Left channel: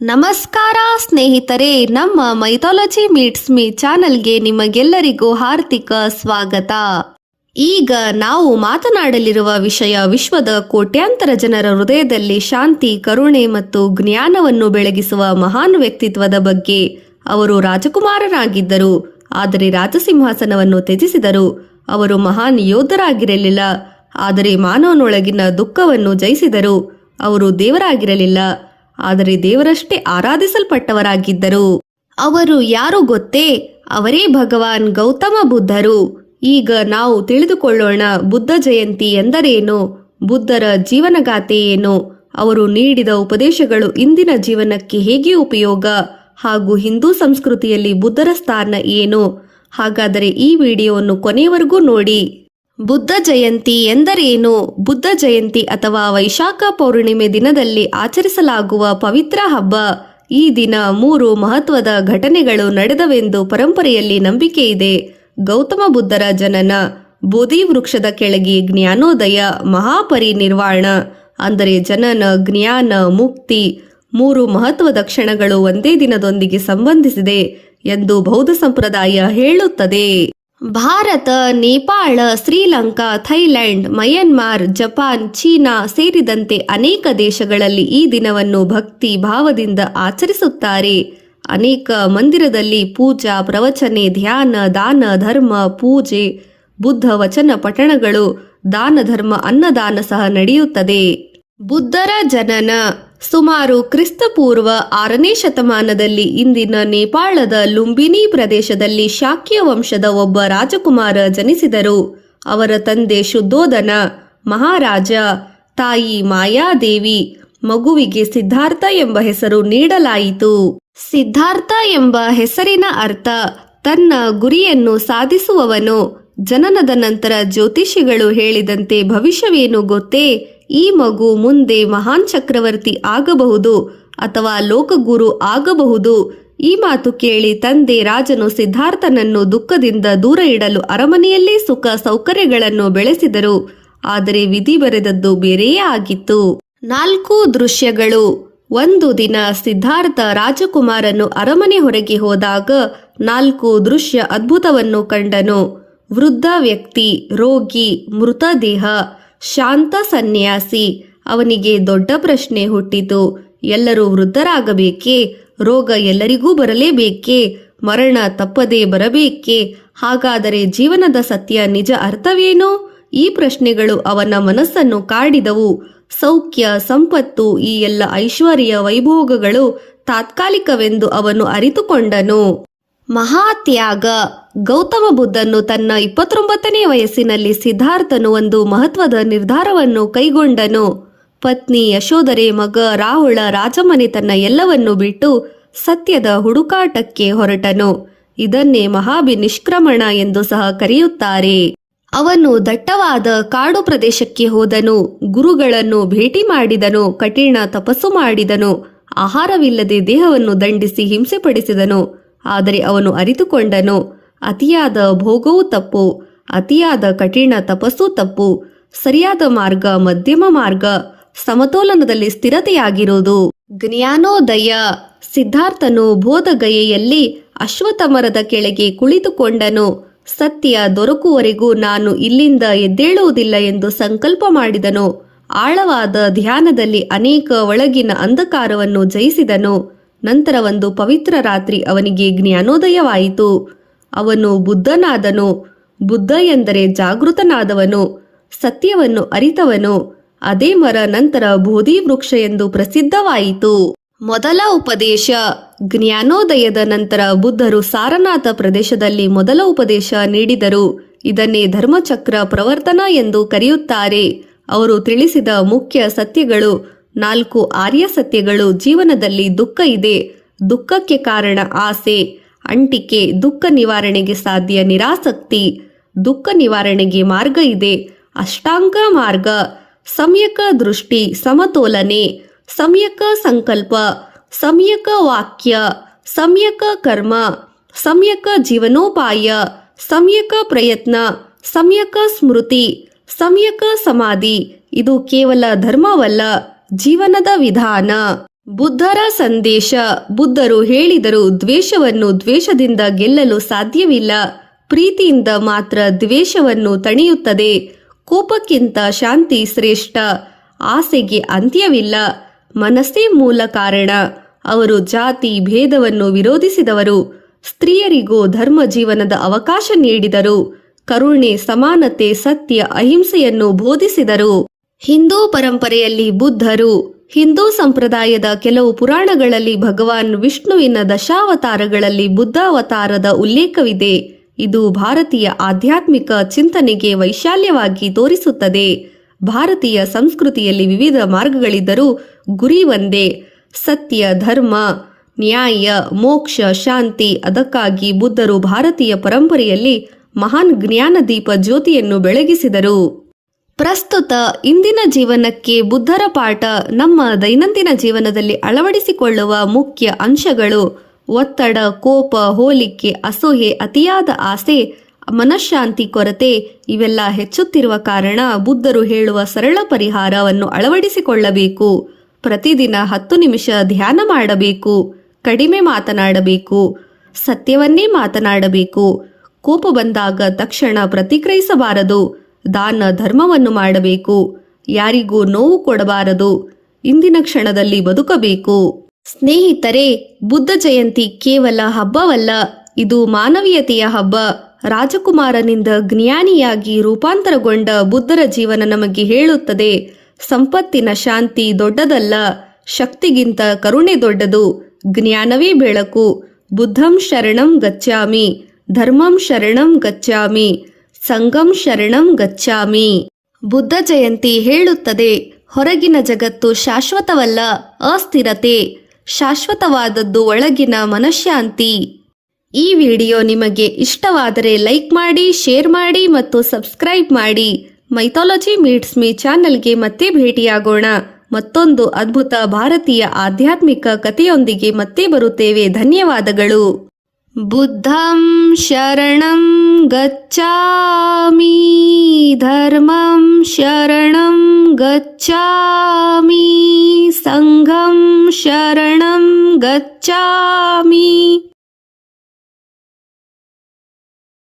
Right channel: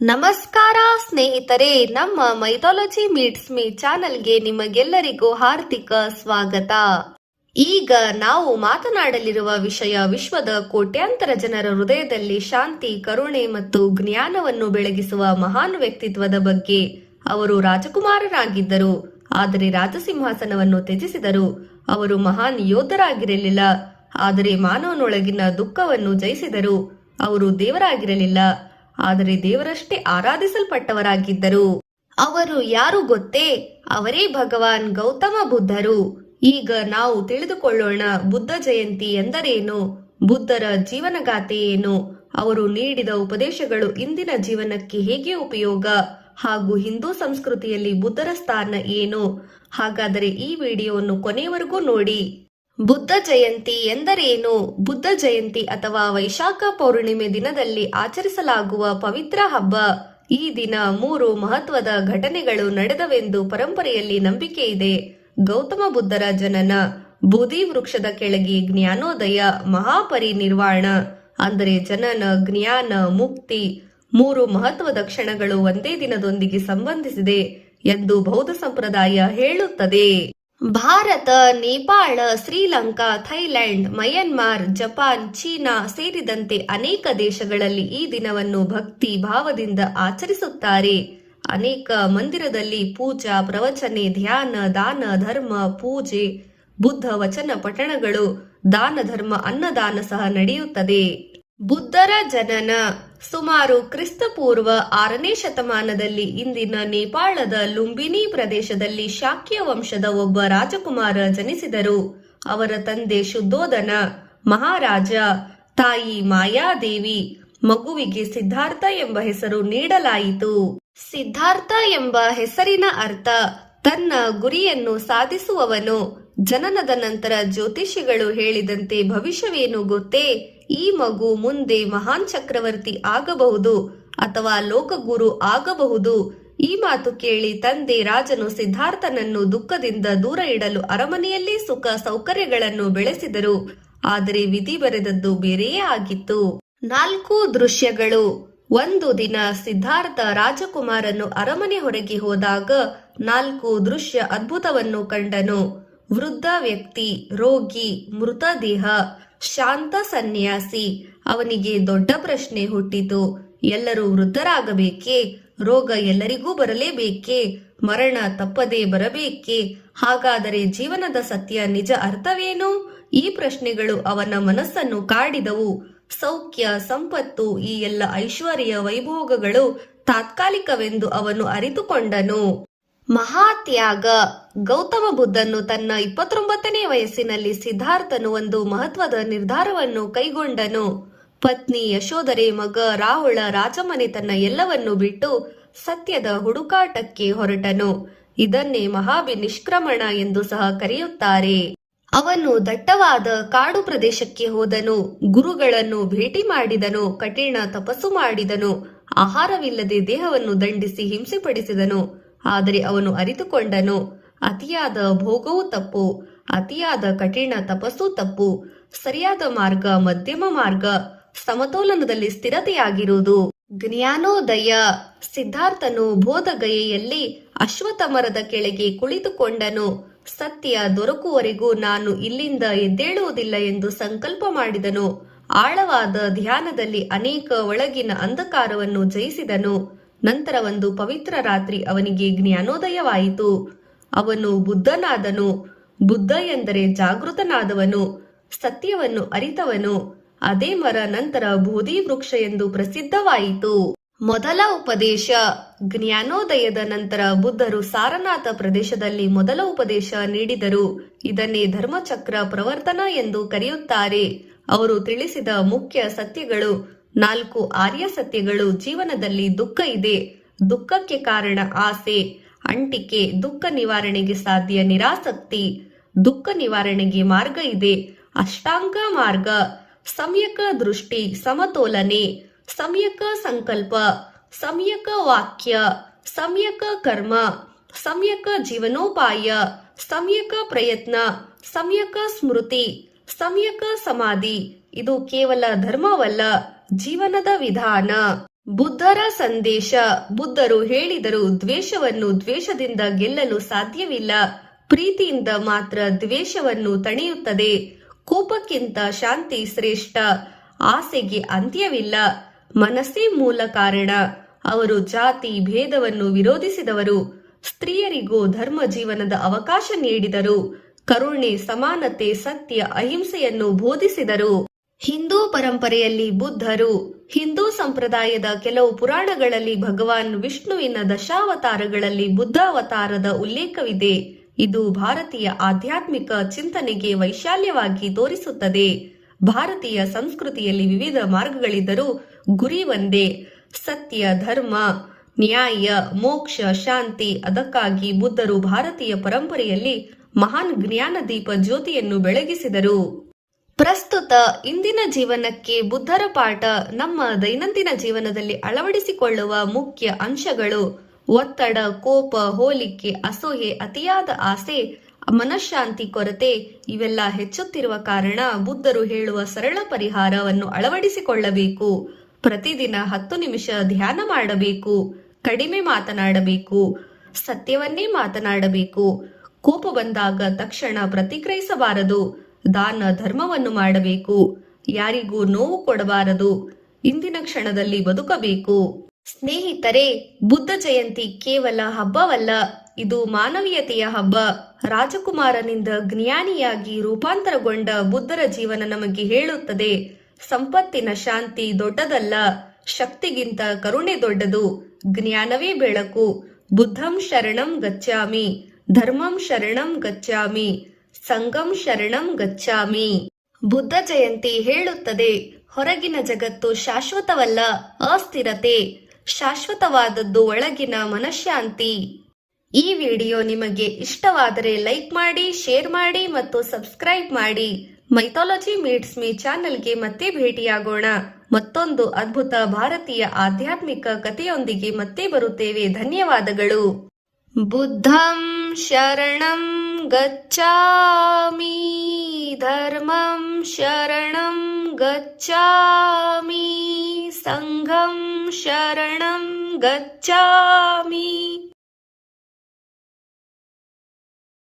ನಮಸ್ಕಾರ ಸ್ನೇಹಿತರೆ, ನಮ್ಮ ಮೈಥಾಲಜಿ ಮೀಟ್ಸ್ ಮೀ ಚಾನೆಲ್ಗೆ ನಿಮಗೆಲ್ಲರಿಗೂ ಹಾರ್ದಿಕ ಸ್ವಾಗತ. ಈಗ ನಾವು ಮಾತನಾಡಲಿರುವ ವಿಷಯ ವಿಶ್ವದ ಕೋಟ್ಯಾಂತರ ಜನರ ಹೃದಯದಲ್ಲಿ ಶಾಂತಿ, ಕರುಣೆ ಮತ್ತು ಜ್ಞಾನವನ್ನು ಬೆಳಗಿಸುವ ಮಹಾನ್ ವ್ಯಕ್ತಿತ್ವದ ಬಗ್ಗೆ. ಅವರು ರಾಜಕುಮಾರರಾಗಿದ್ದರು, ಆದರೆ ರಾಜಸಿಂಹಾಸನವನ್ನು ತ್ಯಜಿಸಿದರು. ಅವರು ಮಹಾನ್ ಯೋಧರಾಗಿರಲಿಲ್ಲ, ಆದರೆ ಮಾನವನೊಳಗಿನ ದುಃಖವನ್ನು ಜಯಿಸಿದರು. ಅವರು ದೇವರಾಗಿರಲಿಲ್ಲ, ಆದರೆ ದೇವರಷ್ಟೇ ಆರಾಧಿಸಲ್ಪಟ್ಟವರಾಗಿದ್ದರು. ಅವರು ಯಾರು ಗೊತ್ತೇ? ಅವರೇ ಭಗವಾನ್ ಗೌತಮ ಬುದ್ಧರು. ಈಗ ನಾವು ತಿಳಿದುಕೊಳ್ಳೋಣ, ಬುದ್ಧ ಜಯಂತಿ ಎಂದರೇನು, ಬುದ್ಧರ ಜೀವನಗಾಥೆ ಏನು, ಅವರು ನೀಡಿದ ಉಪದೇಶಗಳು ಇಂದಿನ ಜೀವನಕ್ಕೆ ಹೇಗೆ ಉಪಯೋಗ, ಹಾಗೂ ಹಿಂದೂ ಸಂಸ್ಕೃತಿಯಲ್ಲಿ ಬುದ್ಧರ ಸ್ಥಾನ ಏನು. ಹಾಗಾದರೆ ಈ ವಿಡಿಯೋವನ್ನು ಕೊನೆಯವರೆಗೂ ನೋಡಿ. ಬುದ್ಧ ಜಯಂತಿ ಎಂದರೇನು? ಬುದ್ಧ ಜಯಂತಿ ಅಥವಾ ವೈಶಾಖ ಪೌರ್ಣಿಮೆ ದಿನದಲ್ಲಿ ಆಚರಿಸಲಾಗುವ ಪವಿತ್ರ ಹಬ್ಬ. ಈ ದಿನ 3 ಮಹತ್ವದ ಘಟನೆಗಳು ನಡೆದವೆಂದು ಪರಂಪರೆಯಲ್ಲಿ ನಂಬಿಕೆ ಇದೆ. ಗೌತಮ ಬುದ್ಧರ ಜನನ, ಬೋಧಿ ವೃಕ್ಷದ ಕೆಳಗೆ ಜ್ಞಾನೋದಯ, ಮಹಾಪರಿನಿರ್ವಾಣ ಅಂದರೆ ಜನನ, ಜ್ಞಾನ, ಮುಕ್ತಿ. 3 ಮಹತ್ವದ ಕ್ಷಣಗಳು ಒಂದೇ ದಿನದೊಂದಿಗೆ ಸಂಬಂಧಿಸಿದೆ ಎಂದು ಬೌದ್ಧ ಸಂಪ್ರದಾಯ ಹೇಳುತ್ತದೆ. Bharat, Nepal, Sri Lanka, Thailand, Myanmar, Japan, China ಸೇರಿದಂತೆ ಅನೇಕ ದೇಶಗಳಲ್ಲಿ ಈ ದಿನವನ್ನು ಭಕ್ತಿ ಭಾವದಿಂದ ಆಚರಿಸುತ್ತಾರೆ. ಅನೇಕ ಮಂದಿರದಲ್ಲಿ ಪೂಜಾ, ಪ್ರವಚನೆ, ಧ್ಯಾನ, ದಾನ, ಧರ್ಮ, ಪೂಜೆ, ಬುದ್ಧ ವಚನ ಪಠಣಗಳು, ದಾನ ಧರ್ಮ, ಅನ್ನದಾನ ಸಹ ನಡೆಯುತ್ತದೆ. ಬುದ್ಧರ ಜನನ ಸುಮಾರು ಕ್ರಿಸ್ತಪೂರ್ವ 6ನೇ ಶತಮಾನದಲ್ಲಿ ಇಂದಿನ ನೇಪಾಳದ ಲುಂಬಿನಿ ಪ್ರದೇಶದಲ್ಲಿ ಶಾಕ್ಯ ವಂಶದ ಒಬ್ಬ ರಾಜಕುಮಾರ ಜನಿಸಿದರು. ಅವರ ತಂದೆ ಶುದ್ಧೋಧನ ಮಹಾರಾಜ, ತಾಯಿ ಮಾಯಾದೇವಿ. ಮಗುವಿಗೆ ಸಿದ್ಧಾರ್ಥ ಎಂಬ ಹೆಸರು ನೀಡಲಾಯಿತು. ಸಿದ್ಧಾರ್ಥ ಎಂಬ ಹೆಸರಿನ ಅರ್ಥ ತನ್ನ ಗುರಿಯನ್ನು ಸಾಧಿಸುವವನು. ಜನನದ ನಂತರ ಜ್ಯೋತಿಷಿಗಳು ಹೇಳಿದಂತೆ ಭವಿಷ್ಯವೇನು ಗೊತ್ತೇ? ಈ ಮಗು ಮುಂದೆ ಮಹಾನ್ ಚಕ್ರವರ್ತಿ ಆಗಬಹುದು ಅಥವಾ ಲೋಕಗುರು ಆಗಬಹುದು. ಈ ಮಾತು ಕೇಳಿ ತಂದೆ ರಾಜನು ಸಿದ್ಧಾರ್ಥನನ್ನು ದುಃಖದಿಂದ ದೂರ ಇಡಲು ಅರಮನೆಯಲ್ಲೇ ಸುಖ ಸೌಕರ್ಯಗಳನ್ನು ಬೆಳೆಸಿದರು. ಆದರೆ ವಿಧಿ ಬರೆದದ್ದು ಬೇರೆಯೇ ಆಗಿತ್ತು. 4 ದೃಶ್ಯಗಳು. ಒಂದು ದಿನ ಸಿದ್ಧಾರ್ಥ ರಾಜಕುಮಾರನು ಅರಮನೆ ಹೊರಗೆ ಹೋದಾಗ 4 ದೃಶ್ಯ ಅದ್ಭುತವನ್ನು ಕಂಡನು. ವೃದ್ಧ ವ್ಯಕ್ತಿ, ರೋಗಿ, ಮೃತದೇಹ, ಶಾಂತ ಸನ್ಯಾಸಿ. ಅವನಿಗೆ ದೊಡ್ಡ ಪ್ರಶ್ನೆ ಹುಟ್ಟಿತು. ಎಲ್ಲರೂ ವೃದ್ಧರಾಗಬೇಕೇ? ರೋಗ ಎಲ್ಲರಿಗೂ ಬರಲೇಬೇಕೇ? ಮರಣ ತಪ್ಪದೇ ಬರಬೇಕೇ? ಹಾಗಾದರೆ ಜೀವನದ ಸತ್ಯ, ನಿಜ ಅರ್ಥವೇನು? ಈ ಪ್ರಶ್ನೆಗಳು ಅವನ ಮನಸ್ಸನ್ನು ಕಾಡಿದವು. ಸೌಖ್ಯ, ಸಂಪತ್ತು, ಈ ಎಲ್ಲ ಐಶ್ವರ್ಯ ವೈಭೋಗಗಳು ತಾತ್ಕಾಲಿಕವೆಂದು ಅವನು ಅರಿತುಕೊಂಡನು. ಮಹಾತ್ಯಾಗ. ಗೌತಮ ಬುದ್ಧನು ತನ್ನ 29ನೇ ವಯಸ್ಸಿನಲ್ಲಿ ಸಿದ್ಧಾರ್ಥನು ಒಂದು ಮಹತ್ವದ ನಿರ್ಧಾರವನ್ನು ಕೈಗೊಂಡನು. ಪತ್ನಿ ಯಶೋಧರೆ, ಮಗ ರಾಹುಳ, ರಾಜಮನೆತನ ಎಲ್ಲವನ್ನೂ ಬಿಟ್ಟು ಸತ್ಯದ ಹುಡುಕಾಟಕ್ಕೆ ಹೊರಟನು. ಇದನ್ನೇ ಮಹಾಭಿನಿಷ್ಕ್ರಮಣ ಎಂದು ಸಹ ಕರೆಯುತ್ತಾರೆ. ಅವನು ದಟ್ಟವಾದ ಕಾಡು ಪ್ರದೇಶಕ್ಕೆ ಹೋದನು. ಗುರುಗಳನ್ನು ಭೇಟಿ ಮಾಡಿದನು. ಕಠಿಣ ತಪಸ್ಸು ಮಾಡಿದನು. ಆಹಾರವಿಲ್ಲದೆ ದೇಹವನ್ನು ದಂಡಿಸಿ ಹಿಂಸೆಪಡಿಸಿದನು. ಆದರೆ ಅವನು ಅರಿತುಕೊಂಡನು, ಅತಿಯಾದ ಭೋಗವೂ ತಪ್ಪು, ಅತಿಯಾದ ಕಠಿಣ ತಪಸ್ಸು ತಪ್ಪು. ಸರಿಯಾದ ಮಾರ್ಗ ಮಧ್ಯಮ ಮಾರ್ಗ, ಸಮತೋಲನದಲ್ಲಿ ಸ್ಥಿರತೆಯಾಗಿರುವುದು. ಜ್ಞಾನೋದಯ. ಸಿದ್ಧಾರ್ಥನು ಬೋಧಗಯೆಯಲ್ಲಿ ಅಶ್ವತ್ಥ ಮರದ ಕೆಳಗೆ ಕುಳಿತುಕೊಂಡನು. ಸತ್ಯ ದೊರಕುವವರೆಗೂ ನಾನು ಇಲ್ಲಿಂದ ಎದ್ದೇಳುವುದಿಲ್ಲ ಎಂದು ಸಂಕಲ್ಪ ಮಾಡಿದನು. ಆಳವಾದ ಧ್ಯಾನದಲ್ಲಿ ಅನೇಕ ಒಳಗಿನ ಅಂಧಕಾರವನ್ನು ಜಯಿಸಿದನು. ನಂತರ ಒಂದು ಪವಿತ್ರ ರಾತ್ರಿ ಅವನಿಗೆ ಜ್ಞಾನೋದಯವಾಯಿತು. ಅವನು ಬುದ್ಧನಾದನು. ಬುದ್ಧ ಎಂದರೆ ಜಾಗೃತನಾದವನು, ಸತ್ಯವನ್ನು ಅರಿತವನು. ಅದೇ ಮರ ನಂತರ ಬೋಧಿ ವೃಕ್ಷ ಎಂದು ಪ್ರಸಿದ್ಧವಾಯಿತು. ಮೊದಲ ಉಪದೇಶ. ಜ್ಞಾನೋದಯದ ನಂತರ ಬುದ್ಧರು ಸಾರನಾಥ ಪ್ರದೇಶದಲ್ಲಿ ಮೊದಲ ಉಪದೇಶ ನೀಡಿದರು. ಇದನ್ನೇ ಧರ್ಮಚಕ್ರ ಪ್ರವರ್ತನ ಎಂದು ಕರೆಯುತ್ತಾರೆ. ಅವರು ತಿಳಿಸಿದ ಮುಖ್ಯ ಸತ್ಯಗಳು 4 ಆರ್ಯ ಸತ್ಯಗಳು. ಜೀವನದಲ್ಲಿ ದುಃಖ ಇದೆ. ದುಃಖಕ್ಕೆ ಕಾರಣ ಆಸೆ, ಅಂಟಿಕೆ. ದುಃಖ ನಿವಾರಣೆಗೆ ಸಾಧ್ಯ ನಿರಾಸಕ್ತಿ. ದುಃಖ ನಿವಾರಣೆಗೆ ಮಾರ್ಗ ಇದೆ, ಅಷ್ಟಾಂಗ ಮಾರ್ಗ. ಸಮ್ಯಕ ದೃಷ್ಟಿ, ಸಮತೋಲನೆ, ಸಮ್ಯಕ ಸಂಕಲ್ಪ, ಸಮ್ಯಕ ವಾಕ್ಯ, ಸಮ್ಯಕ ಕರ್ಮ, ಸಮ್ಯಕ ಜೀವನೋಪಾಯ, ಸಮ್ಯಕ ಪ್ರಯತ್ನ, ಸಮ್ಯಕ ಸ್ಮೃತಿ, ಸಮ್ಯಕ ಸಮಾಧಿ. ಇದು ಕೇವಲ ಧರ್ಮವಲ್ಲ, ಜೀವನದ ವಿಧಾನ. ಬುದ್ಧರ ಸಂದೇಶ. ಬುದ್ಧರು ಹೇಳಿದರು, ದ್ವೇಷವನ್ನು ದ್ವೇಷದಿಂದ ಗೆಲ್ಲಲು ಸಾಧ್ಯವಿಲ್ಲ. ಪ್ರೀತಿಯಿಂದ ಮಾತ್ರ ದ್ವೇಷವನ್ನು ತಣಿಯುತ್ತದೆ. ಕೋಪಕ್ಕಿಂತ ಶಾಂತಿ ಶ್ರೇಷ್ಠ. ಆಸೆಗೆ ಅಂತ್ಯವಿಲ್ಲ. ಮನಸ್ಸೇ ಮೂಲ ಕಾರಣ. ಅವರು ಜಾತಿ ಭೇದವನ್ನು ವಿರೋಧಿಸಿದವರು. ಸ್ತ್ರೀಯರಿಗೂ ಧರ್ಮ ಜೀವನದ ಅವಕಾಶ ನೀಡಿದರು. ಕರುಣೆ, ಸಮಾನತೆ, ಸತ್ಯ, ಅಹಿಂಸೆಯನ್ನು ಬೋಧಿಸಿದರು. ಹಿಂದೂ ಪರಂಪರೆಯಲ್ಲಿ ಬುದ್ಧರು. ಹಿಂದೂ ಸಂಪ್ರದಾಯದ ಕೆಲವು ಪುರಾಣಗಳಲ್ಲಿ ಭಗವಾನ್ ವಿಷ್ಣುವಿನ ದಶಾವತಾರಗಳಲ್ಲಿ ಬುದ್ಧಾವತಾರದ ಉಲ್ಲೇಖವಿದೆ. ಇದು ಭಾರತೀಯ ಆಧ್ಯಾತ್ಮಿಕ ಚಿಂತನೆಗೆ ವೈಶಾಲ್ಯವಾಗಿ ತೋರಿಸುತ್ತದೆ. ಭಾರತೀಯ ಸಂಸ್ಕೃತಿಯಲ್ಲಿ ವಿವಿಧ ಮಾರ್ಗಗಳಿದ್ದರೂ ಗುರಿ ಒಂದೇ: ಸತ್ಯ, ಧರ್ಮ, ನ್ಯಾಯ, ಮೋಕ್ಷ, ಶಾಂತಿ. ಅದಕ್ಕಾಗಿ ಬುದ್ಧರು ಭಾರತೀಯ ಪರಂಪರೆಯಲ್ಲಿ ಮಹಾನ್ ಜ್ಞಾನದೀಪ ಜ್ಯೋತಿಯನ್ನು ಬೆಳಗಿಸಿದರು. ಪ್ರಸ್ತುತ ಇಂದಿನ ಜೀವನಕ್ಕೆ ಬುದ್ಧರ ಪಾಠ. ನಮ್ಮ ದೈನಂದಿನ ಜೀವನದಲ್ಲಿ ಅಳವಡಿಸಿಕೊಳ್ಳುವ ಮುಖ್ಯ ಅಂಶಗಳು: ಒತ್ತಡ, ಕೋಪ, ಹೋಲಿಕೆ, ಅಸೂಯೆ, ಅತಿಯಾದ ಆಸೆ, ಮನಃಶಾಂತಿ ಕೊರತೆ ಇವೆಲ್ಲ ಹೆಚ್ಚುತ್ತಿರುವ ಕಾರಣ ಬುದ್ಧರು ಹೇಳುವ ಸರಳ ಪರಿಹಾರವನ್ನು ಅಳವಡಿಸಿಕೊಳ್ಳಬೇಕು. ಪ್ರತಿದಿನ 10 ನಿಮಿಷ ಧ್ಯಾನ ಮಾಡಬೇಕು. ಕಡಿಮೆ ಮಾತನಾಡಬೇಕು. ಸತ್ಯವನ್ನೇ ಮಾತನಾಡಬೇಕು. ಕೋಪ ಬಂದಾಗ ತಕ್ಷಣ ಪ್ರತಿಕ್ರಿಯಿಸಬಾರದು. ದಾನ ಧರ್ಮವನ್ನು ಮಾಡಬೇಕು. ಯಾರಿಗೂ ನೋವು ಕೊಡಬಾರದು. ಇಂದಿನ ಕ್ಷಣದಲ್ಲಿ ಬದುಕಬೇಕು. ಸ್ನೇಹಿತರೆ, ಬುದ್ಧ ಜಯಂತಿ ಕೇವಲ ಹಬ್ಬವಲ್ಲ, ಇದು ಮಾನವೀಯತೆಯ ಹಬ್ಬ. ರಾಜಕುಮಾರನಿಂದ ಜ್ಞಾನಿಯಾಗಿ ರೂಪಾಂತರಗೊಂಡ ಬುದ್ಧರ ಜೀವನ ನಮಗೆ ಹೇಳುತ್ತದೆ: ಸಂಪತ್ತಿನ ಶಾಂತಿ ದೊಡ್ಡದಲ್ಲ, ಶಕ್ತಿಗಿಂತ ಕರುಣೆ ದೊಡ್ಡದು. ಜ್ಞಾನವೇ ಬೆಳಕು. ಬುದ್ಧಂ ಶರಣಂ ಗಚ್ಚಾಮಿ, ಧರ್ಮಂ ಶರಣಂ ಗಚ್ಚಾಮಿ, ಸಂಘಂ ಶರಣಂ ಗಚ್ಚಾಮಿ. ಬುದ್ಧ ಜಯಂತಿ ಹೇಳುತ್ತದೆ, ಹೊರಗಿನ ಜಗತ್ತು ಶಾಶ್ವತವಲ್ಲ, ಅಸ್ಥಿರತೆ. ಶಾಶ್ವತವಾದದ್ದು ಒಳಗಿನ ಮನಃಶಾಂತಿ. ಈ ವಿಡಿಯೋ ನಿಮಗೆ ಇಷ್ಟವಾದರೆ ಲೈಕ್ ಮಾಡಿ, ಶೇರ್ ಮಾಡಿ ಮತ್ತು ಸಬ್ಸ್ಕ್ರೈಬ್ ಮಾಡಿ. ಮೈಥಾಲಜಿ ಮೀಟ್ಸ್ ಮೀ ಚಾನೆಲ್ಗೆ ಮತ್ತೆ ಭೇಟಿಯಾಗೋಣ. ಮತ್ತೊಂದು ಅದ್ಭುತ ಭಾರತೀಯ ಆಧ್ಯಾತ್ಮಿಕ ಕಥೆಯೊಂದಿಗೆ ಮತ್ತೆ ಬರುತ್ತೇವೆ. ಧನ್ಯವಾದಗಳು. ಬುದ್ಧಂ ಶರಣಂ ಗಚ್ಚಾಮಿ, ಧರ್ಮಂ ಶರಣಂ ಗಚ್ಚಾಮಿ, ಸಂಘಂ ಶರಣಂ